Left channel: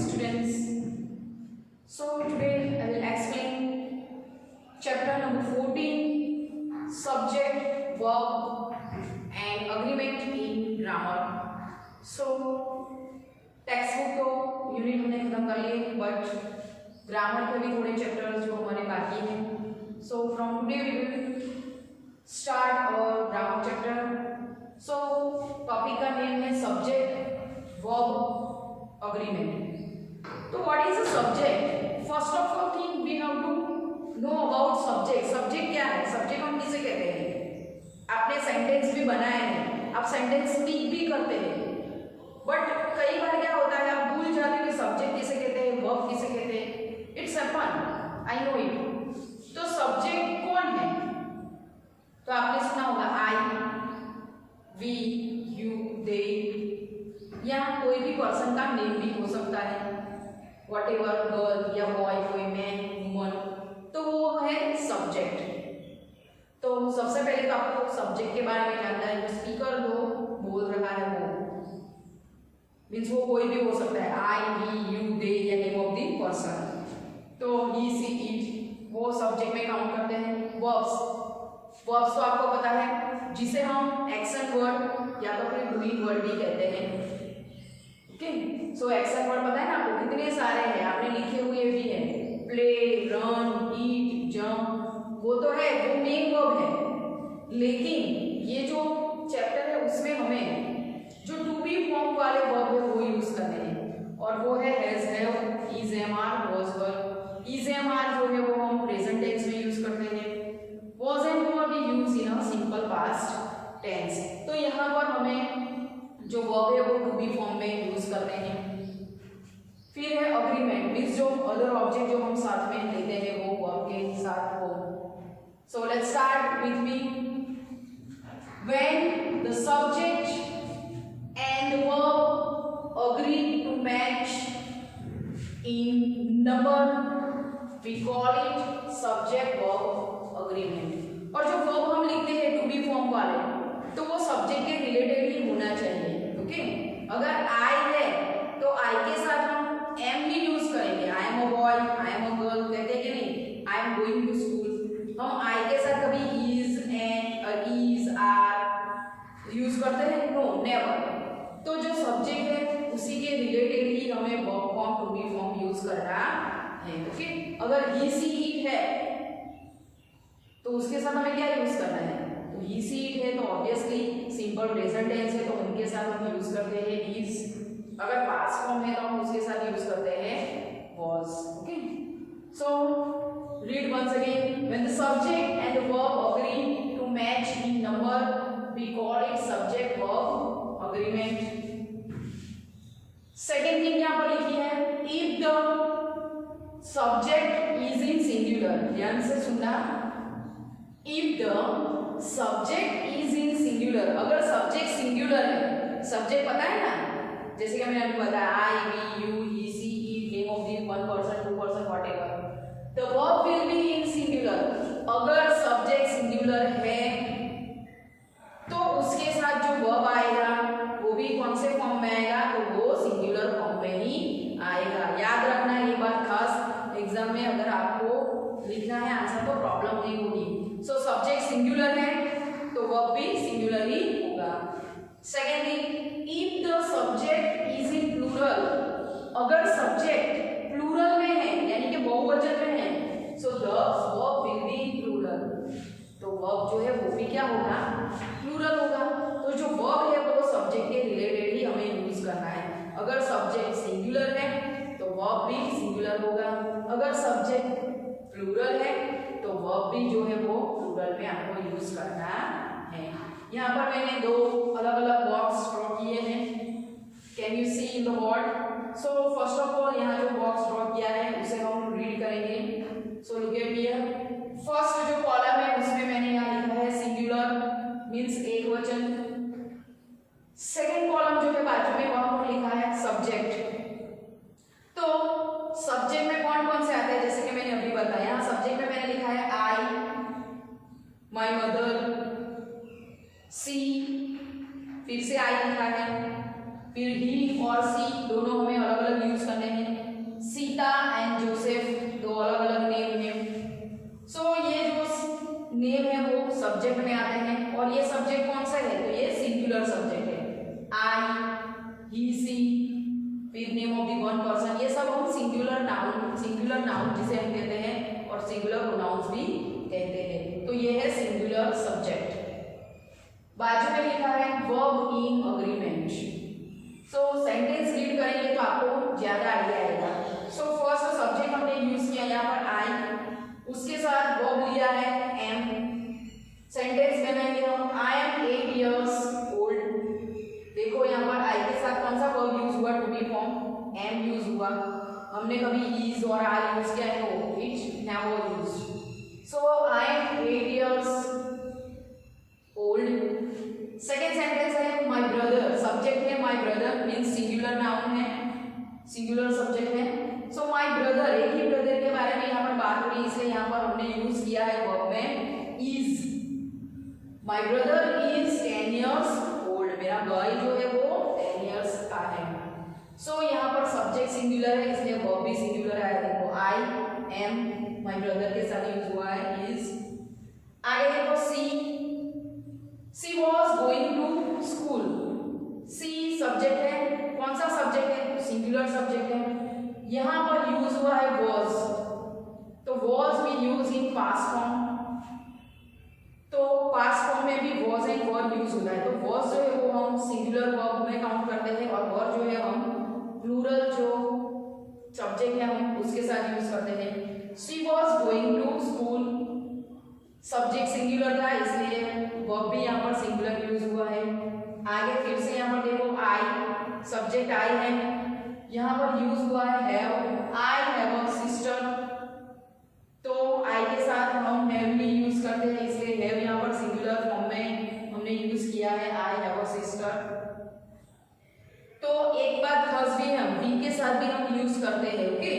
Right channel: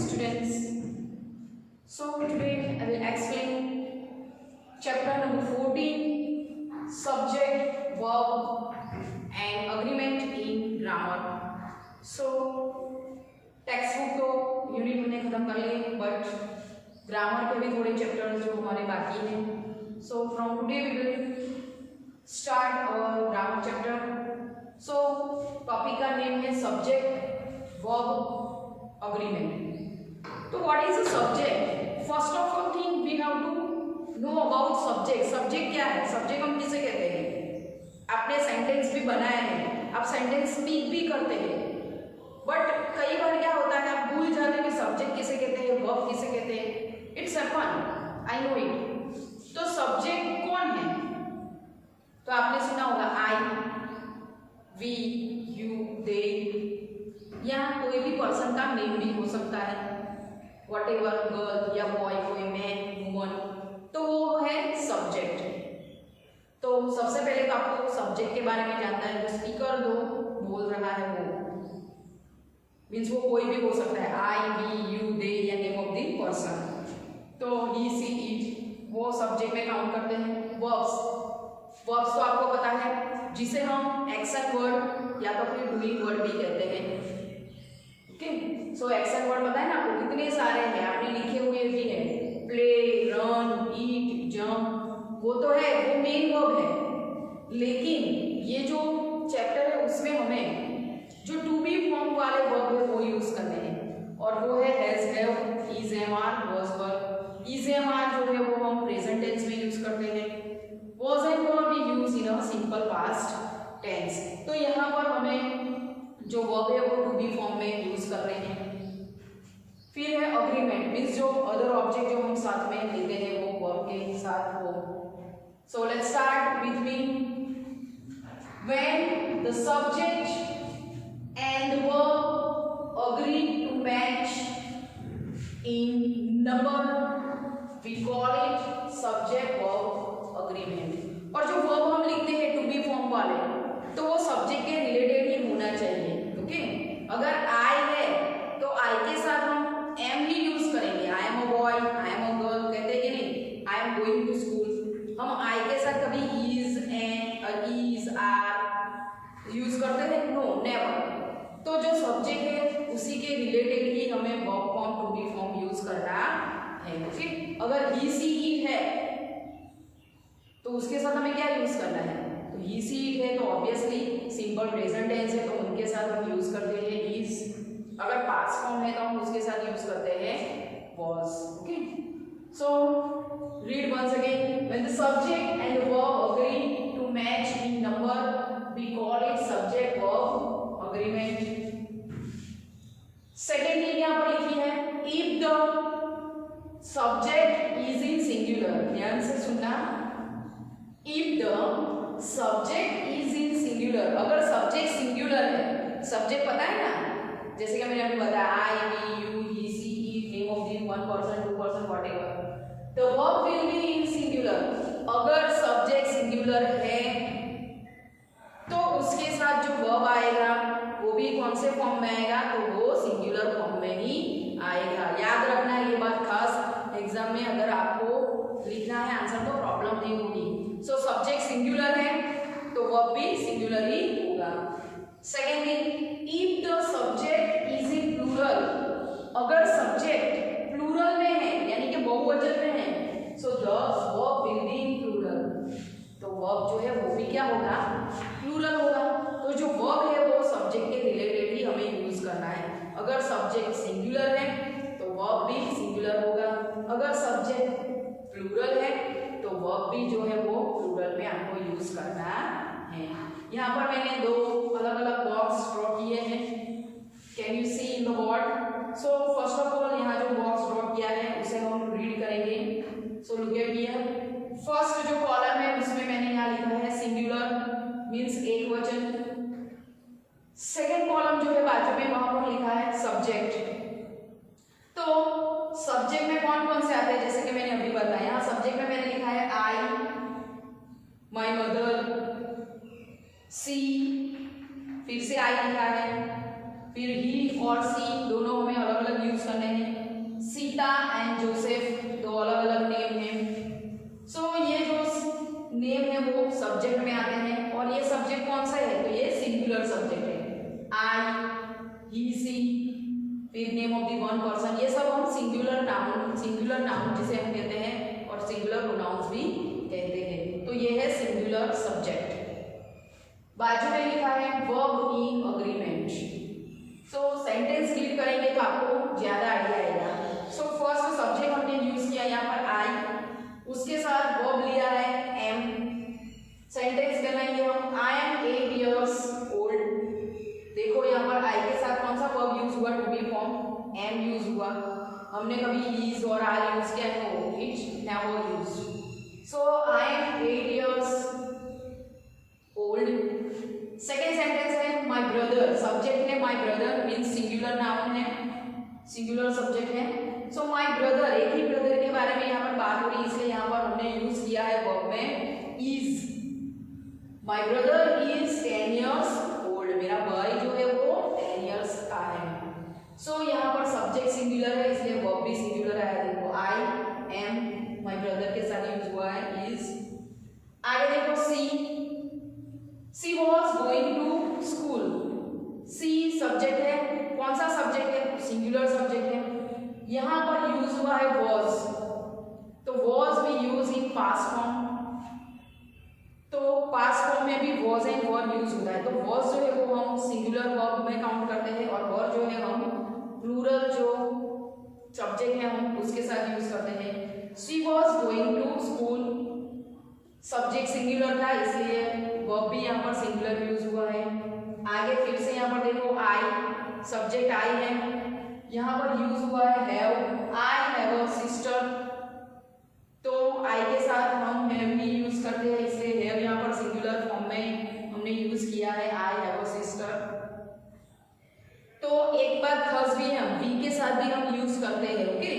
students. So today I will explain chapter number 14, subject, verb and agreement in grammar. So text book तो unit हमने खत्म कर लिए, but grammar के भी थोड़े चैप्टर्स जो हमारे बाकी हैं. So from today we will start our grammar chapter. So topic का नेम है सब्जेक्ट, वर्ब, अग्रीमेंट. तो what is a subject? First of all thing we have to know about subject. Subject क्या है? Subject हम किसे कहते हैं? आपने सेंटेंस भी बनाया है, आप सेंटेंस स्पीक भी करते हैं, बट कई बार क्या होता है आप भूल जाते हैं कि सब्जेक्ट किसे कहते हैं, वर्ब किसे कहते हैं. It's happen, I know it. तो सब्जेक्ट कौन है? तो आपने सुना होगा आई, वी, यू, दे, या कोई भी पर्सन का नेम भी हो सकता है, व्हाटएवर, गर्ल या बॉय, कोई मैन, वुमन, तो वो है सब्जेक्ट. तो सबसे पहले तो आपको सब्जेक्ट के बारे में जानना है. जो स्पीकर जो बोल रहा है वो मीन्स वो कोई भी हो सकता है, आई, वी, यू, दे या नेम ऑफ द पर्सन. तो ही, सी, इट वो सब्जेक्ट में काउंट करते हैं. वर्ब्स, वर्ब्स तो आपको पता है जिसे हम एक्शन वर्ड या तो फिर डूइंग वर्ड भी कहते हैं. ओके, सो एक्शन वर्ड पता है ना आपको कितने सारे हैं, आपने लिखे हुए भी हैं. प्ले, रन, ईट, जंप, वो तो है, वो मेन वर्ब है. लेकिन ये जो चैप्टर है उसमें हमें जो टू बी फॉर्म वाले वर्ब है वो यूज करने हैं, और वो है has, have, is, am, are, was, were. Is, am, are जो है वो हम प्रेजेंट टेंस में यूज करते हैं. Was and were we use in a simple past tense. तो यहाँ पर हमें जो वर्ब है वो टू बी फॉर्म में यूज करते हैं. फिर है अग्रीमेंट, मीन्स जो अदर ऑब्जेक्ट जो हम साथ में लेते हैं वो वर्ब के साथ हो. So let's start with me. When the subject and verb agree to match in number, we call it subject verb agreement. और जो verb हम लिखते हैं टू बी फॉर्म वाले, तो वो सब्जेक्ट के रिलेटेड ही होना चाहिए. ओके, अगर I है तो I के साथ हम am ही यूज करेंगे. I am a boy, I am a girl कहते हैं कि नहीं, I am going to school. हम I के साथ कभी is, and, is, are use करते हैं? No, never. तो जो सब्जेक्ट है उसी के रिलेटेड ही हमें verb form, to be form use करना है. ओके, अगर ही, सी, इट है तो उसके साथ हमें क्या यूज करना है? तो ही, सी, इट है तो ऑब्वियसली सिंपल प्रेजेंट टेंस है तो उनके साथ हम यूज करते हैं इज. अगर पास्ट फॉर्म है तो हम उसके साथ यूज करते हैं was. Okay, so read once again. When the subject and the verb agree to match in number, we call it subject verb agreement. Second thing यहाँ पर लिखी है, if the subject is in singular. ध्यान से सुनना. If the subject is in singular, अगर subject singular है, subject पता है ना, जैसे कि मैंने अभी बताया I, we, you, he, she, it, name of the one person, to person, whatever, the verb will be in singular. अगर सब्जेक्ट सिंगुलर है तो उसके साथ जो वर्ब आएगा वो भी कौन से फॉर्म में आएगा? तो वो सिंगुलर फॉर्म में ही आएगा. याद रखना ये बात, खास एग्जाम में अगर आपको लिखना है आंसर तो प्रॉब्लम नहीं होगी. सो सब्जेक्ट सिंगुलर है तो वर्ब भी सिंगुलर ही होगा. Second thing, if the subject is in plural, अगर सब्जेक्ट प्लूरल में है यानी कि बहुवचन में है, so the verb will be in plural. तो वर्ब जो है वो भी क्या होगा? प्लूरल होगा. तो जो वर्ब है वो सब्जेक्ट के रिलेटेड ही हमें यूज करना है. अगर सब्जेक्ट सिंगुलर है तो वर्ब भी सिंगुलर होगा. अगर सब्जेक्ट प्लूरल है तो वर्ब भी जो है वो प्लूरल में आपको यूज करना है. यहाँ पर मैंने दो अलग अलग बॉक्स ड्रॉ किए हैं. Can you see in the board? So first of all यहाँ जो बॉक्स ड्रॉ किया है उसे हम रीड करेंगे. So look at here. First जो कॉलम है उसमें मैंने यहाँ लिखा है सिंगुलर, मीन्स एक वचन. सेकेंड कॉलम जो है बाजू में वहां पर लिखा है सब्जेक्ट. तो सब्जेक्ट में कौन कौन से आते हैं? जैसे कि मैंने अभी बताया, सब्जेक्ट में मैंने लिखा है आई, माय मदर, सी, फिर से आई लिखा है, फिर ही और सी दोनों हमें अलग अलग यूज करने हैं। सीता एंड जोसेफ दो अलग अलग नेम है। सो ये जो नेम है वो सब्जेक्ट में आते हैं और ये सब्जेक्ट कौन सा है, तो ये सिंगुलर सब्जेक्ट है। आई, ही, सी, फिर name of the one person, ये सब हम सिंगुलर नाउन जिसे हम देते हैं और सिंगुलर प्रोनाउंस भी कहते हैं। तो ये है सिंगुलर सब्जेक्ट। बाजू में लिखा है verb in agreement. So sentence read करेंगे तो आपको ज्यादा आइडिया आएगा। सो फर्स्ट सब्जेक्ट हमने यूज किया यहाँ पर आई, उसके साथ वर्ब लिया है एम। सेंटेंस बनाएंगे हम, आई एम 8 years old। देखो यहाँ पर आई के साथ कौन सा वर्ब यूज हुआ, to be form am use हुआ। हमने कभी इज और आर यूज किया है, तो it never used. So I am 8 years old। Second sentence है माई ब्रदर, सब्जेक्ट है my brother means singular noun है, सिंगुलर सब्जेक्ट है। सो माई ब्रदर, एक ही ब्रदर के बारे में यहाँ पर बात हो रही है, इसलिए यहाँ पर हमने यूज किया है वर्ब में is. My brother is 10 years old, मेरा भाई जो है वो 10 years का है। सो यहाँ पर सब्जेक्ट सिंगुलर है इसलिए वर्ब भी सिंगुलर आया। देखो आई एम माई ब्रदर के साथ यूज हुआ है इज। आगे देखो she was going to school. She subject है, कौन सा सब्जेक्ट है, सिंगुलर सब्जेक्ट है। यहाँ पर यूज हुआ है वॉज, तो वॉज भी यूज इन पास्ट फॉर्म, तो पास्ट फॉर्म में भी वॉज एंड वर यूज होता है। तो वॉज जो है वो हम सिंगुलर वर्ब में काउंट करते हैं और वर जो है हम प्लूरल जो सब्जेक्ट है हम उसके साथ यूज करते हैं। She was going to school, subject singular था इसलिए वर्ब भी यहाँ पर सिंगुलर यूज हुआ है। आगे फिर से यहाँ पर देखो आई, सब्जेक्ट आई है, यहाँ पर यूज हुआ है have. I have a sister, तो आई के साथ हम हैव भी यूज करते हैं इसलिए हैव यहाँ पर सिंगुलर फॉर्म में हमने यूज किया है आई हैव अ सिस्टर। तो एक बात खास भी है, वी के साथ भी हम यूज करते हैं। ओके,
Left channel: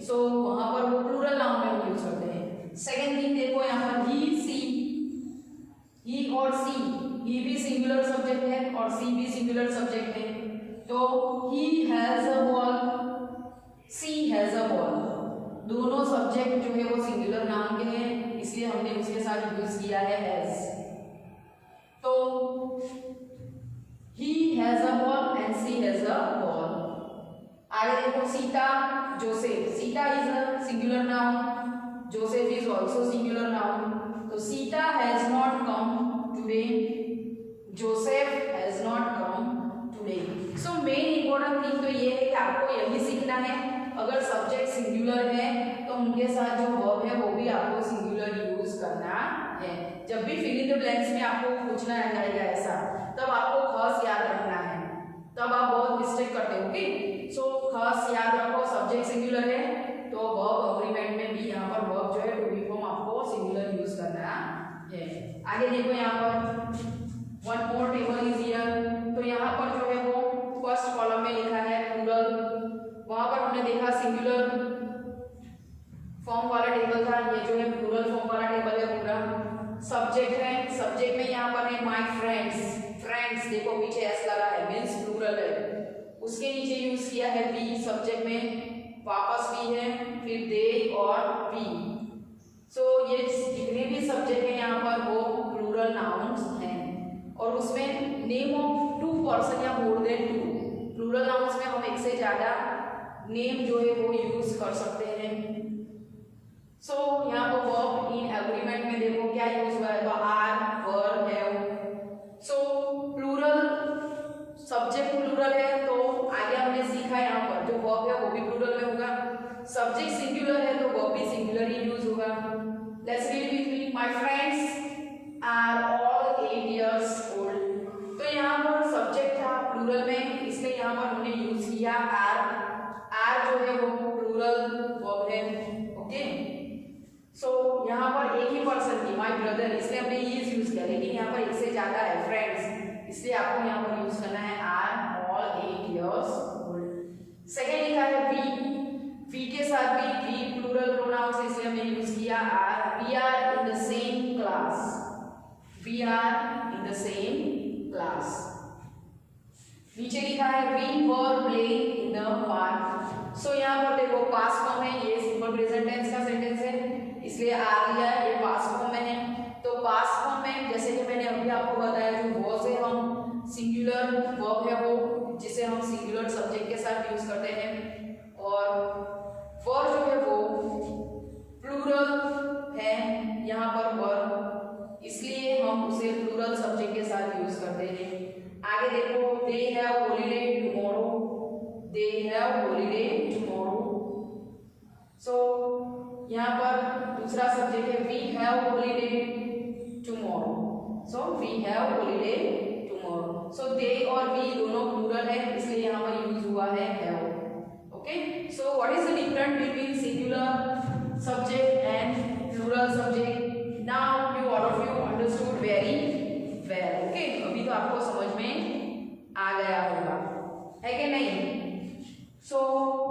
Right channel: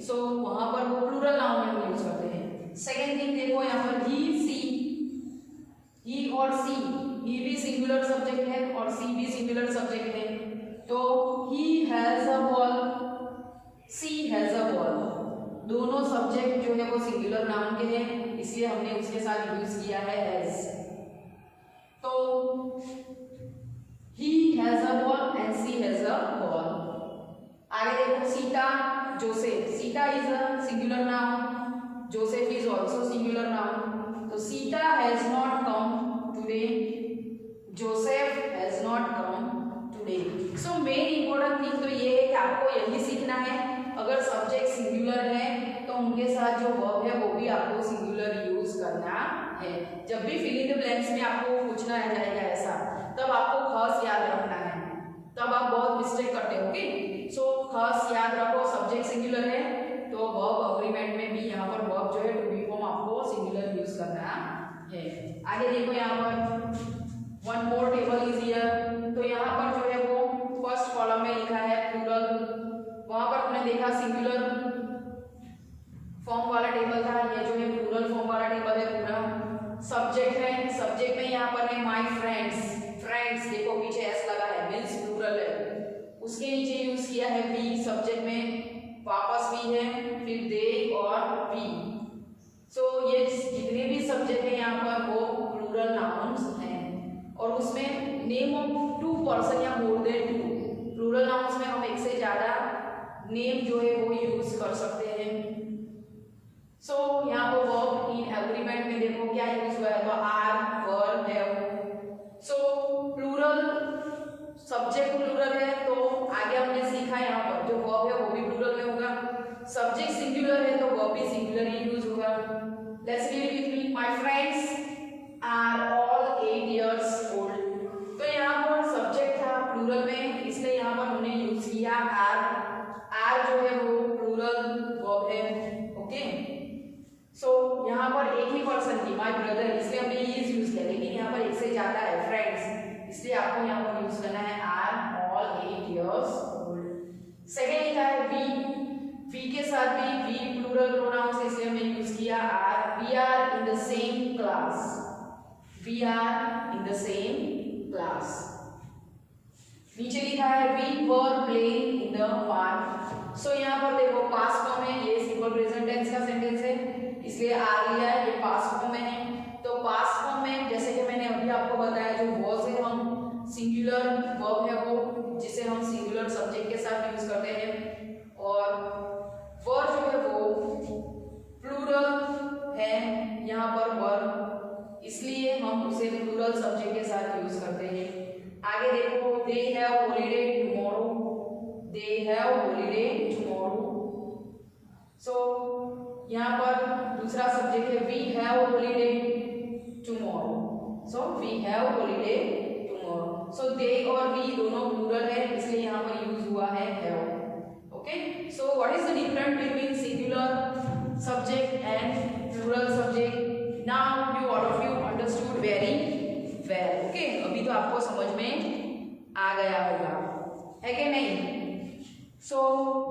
सो वहां पर वो प्लूरल नाउन में हम यूज करते हैं। सेकेंड थिंग देखो यहाँ पर ही सी, ही और सी, ही भी सिंगुलर सब्जेक्ट है और सी भी सिंगुलर सब्जेक्ट है। तो he has a ball, she has a ball, दोनों सब्जेक्ट जो है वो सिंगुलर नाउन के हैं इसलिए हमने उसके साथ यूज किया है हैज। तो he has a ball and she has a ball. आगे देखो Sita Joseph, Sita is a singular noun, Joseph is also singular noun. तो Sita has not come today, Joseph has not come today. So main important thing तो ये है कि आपको यही सीखना है, अगर सब्जेक्ट सिंगुलर है तो उनके साथ जो वर्ब है वो भी आपको सिंगुलर यूज करना है। जब भी फिल इन द ब्लैंक्स में आपको पूछना रहेगा ऐसा, तब आपको खास याद रखना है, तब आप बहुत मिस्टेक करते हो। सो खास याद रखो सब्जेक्ट सिंगुलर है तो वर्ब अग्रीमेंट में भी यहाँ पर वर्ब जो है टू बी फॉर्म आपको सिंगुलर यूज करना है। आगे देखो यहाँ पर one more table is here, तो यहाँ पर जो है वो फर्स्ट कॉलम में लिखा है प्लूरल, वहां पर हमने देखा सिंगुलर फॉर्म वाला टेबल था, ये जो है प्लूरल फॉर्म वाला टेबल है पूरा। सब्जेक्ट है, सब्जेक्ट में यहाँ पर है माय फ्रेंड्स, फ्रेंड्स देखो पीछे एस लगा है मींस प्लूरल है। उसके नीचे यूज किया है बी, सब्जेक्ट में वापस भी है, फिर दे और वी। सो ये जितने भी सब्जेक्ट है यहाँ पर वो प्लूरल नाउन्स हैं और उसमें नेम ऑफ टू पर्सन या more than two, plural nouns में हम एक से ज्यादा नेम जो है वो यूज कर सकते हैं। सो यहाँ पर वर्ब इन एग्रीमेंट में देखो क्या यूज हुआ है, are, were, have. So plural subject plural है तो आगे हमने सीखा यहाँ पर जो वर्ब है वो भी प्लूरल में होगा, सब्जेक्ट सिंगुलर है तो वर्ब भी सिंगुलर ही यूज होगा। Let's read with me, my friends are all 8 years old। तो यहाँ पर सब्जेक्ट था प्लूरल में इसलिए यहाँ पर हमने यूज किया आर, आर जो है वो प्लूरल वर्ब है। ओके, सो यहाँ पर एक ही पर्सन की माय ब्रदर इसलिए हमने इज यूज किया, लेकिन यहाँ पर एक से ज्यादा है फ्रेंड्स इसलिए आपको यहाँ पर यूज करना है are all 8 years old। Second लिखा है वी, वी के साथ भी वी प्लूरल प्रोनाउंस इसलिए हमने यूज किया are. We are in the same class, we are in the same class. नीचे लिखा है we were playing in the park. So यहाँ पर देखो पास्ट फॉर्म है, ये सिंपल प्रेजेंट टेंस का सेंटेंस है इसलिए आर लिया है, ये पास्ट फॉर्म में है। तो पास्ट फॉर्म में जैसे कि मैंने अभी आपको बताया जो वॉज है हम सिंगुलर वर्ब है वो जिसे हम सिंगुलर सब्जेक्ट के साथ यूज करते हैं, और वर जो है वो प्लूरल है यहाँ पर वर, इसलिए हम उसे प्लूरल सब्जेक्ट के साथ यूज करते हैं। आगे देखो they have holiday tomorrow, they have holiday tomorrow. So यहाँ पर दूसरा सब्जेक्ट है we have holiday tomorrow, so we have holiday tomorrow. So they और वी दोनों प्लूरल है इसलिए यहाँ पर यूज हुआ है have. Okay, so what is the difference between singular subject and plural subject? Now you all of you understood very well. Okay, अभी तो आपको समझ में आ गया होगा, है कि नहीं? So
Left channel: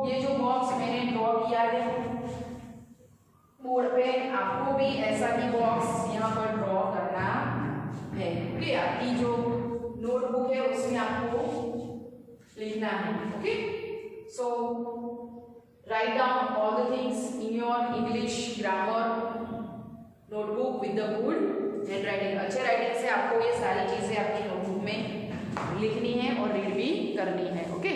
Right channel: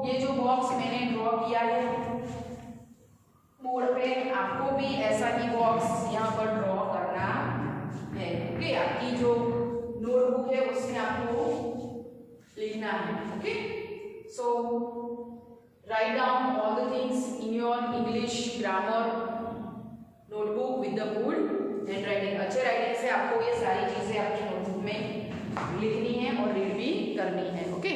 ये जो बॉक्स मैंने ड्रॉ किया है बोर्ड पे, आपको भी ऐसा ही बॉक्स यहाँ पर ड्रॉ करना है। ओके, आपकी जो नोटबुक है उसमें आपको लिखना है। Okay, so write down all the things in your English grammar notebook with the good handwriting। अच्छे राइटिंग से आपको ये सारी चीजें आपकी नोटबुक में लिखनी है और रीड भी करनी है। ओके।